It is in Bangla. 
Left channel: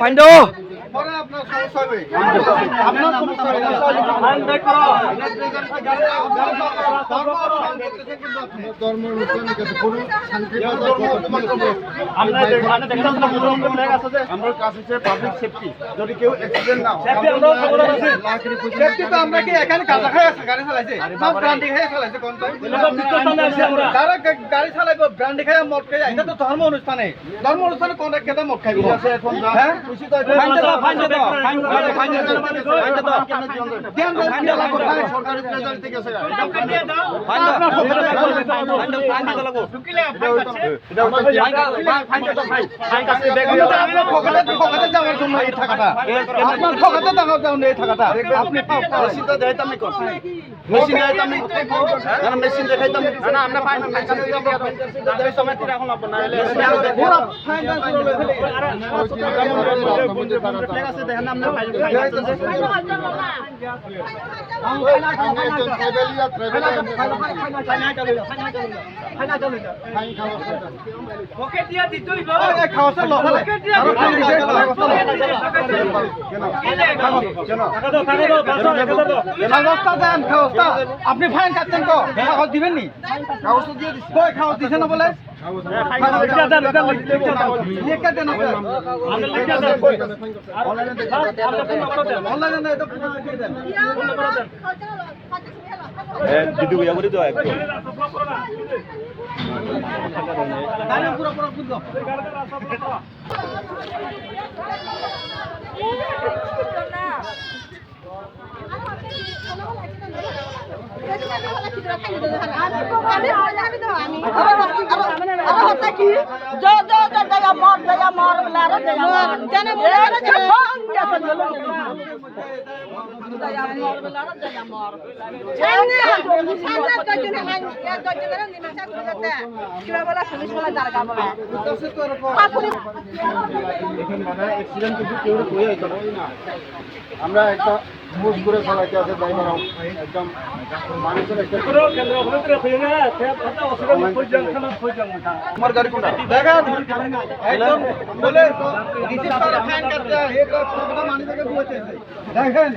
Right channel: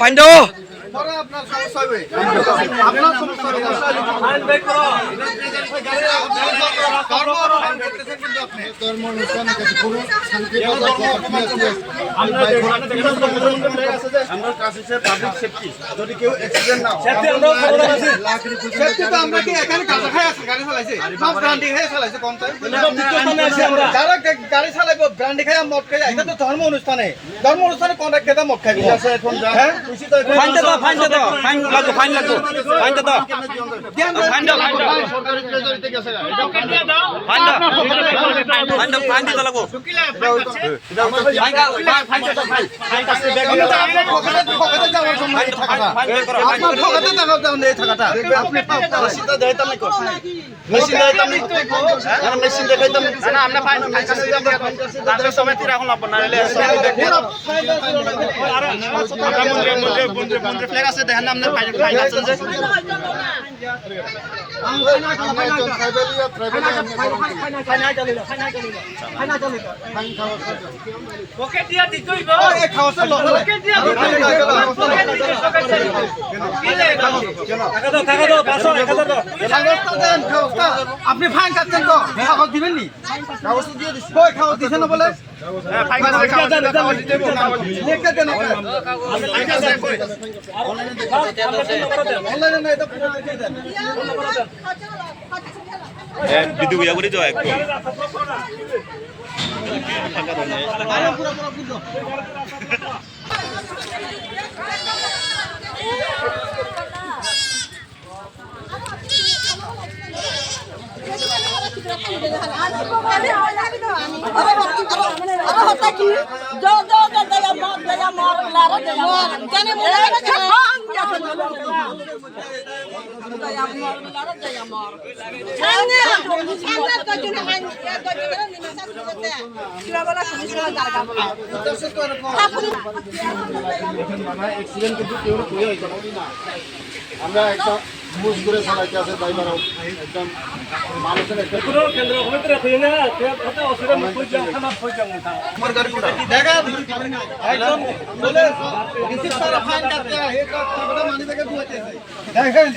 পাইন্দ যদি কেউ অ্যাক্সিডেন্ট না হয় আমরা কি এখানে গাঁজা খাই আছে গাড়ি চালাইছে ব্রান্ডি খাই চালাইছে কোন যারা গাড়ি চালাইব ব্রান্ডি খাই মদ খাই এটা তো ধর্ম অনুষ্ঠানে কন্ট্রাক্ট কেটা মদ খাই আছে এখন হ্যাঁ খুশি তো সরকারি প্লেজারিতে গেছে যাওয়ার জন্য এই টাকাটা আপনার ঠকাতে এই টাকাটা আপনি মেশিনটা দেখাইতাম মেশিন দেখাইতাম মেশিন দেখাইতাম না আমরা ফাইন কাছে দিলাম সময় তীর এখন লাগবে না আমরা ফ্ল্যাগ আছে দেখেন না আপনার ফাইন আছে যে ওকে দিয়া দিতই গো এই খাওয়াছে লতা ওকে দিয়া আপনি ফাইন কাটছেন তো কাগজ দিবেন নি কাগজ দিয়ে দিচ্ছি কই খাওয়া দিছে না বলে ভিডিও ইয়া করে দাও একদম আমরা একটা বুঝ করে চালাইতে আছে ড্রাইভারও একদম মানুষের একটা কেন্দ্র ভিতরে হয়ে না অসুবিধা হই যাও খানা হই যাও আমার গাড়ি দেখা একদম বলে রিসিভ করা ফাইন কাটতে এটা টাকাটা মানি থেকে দিতে দেখেন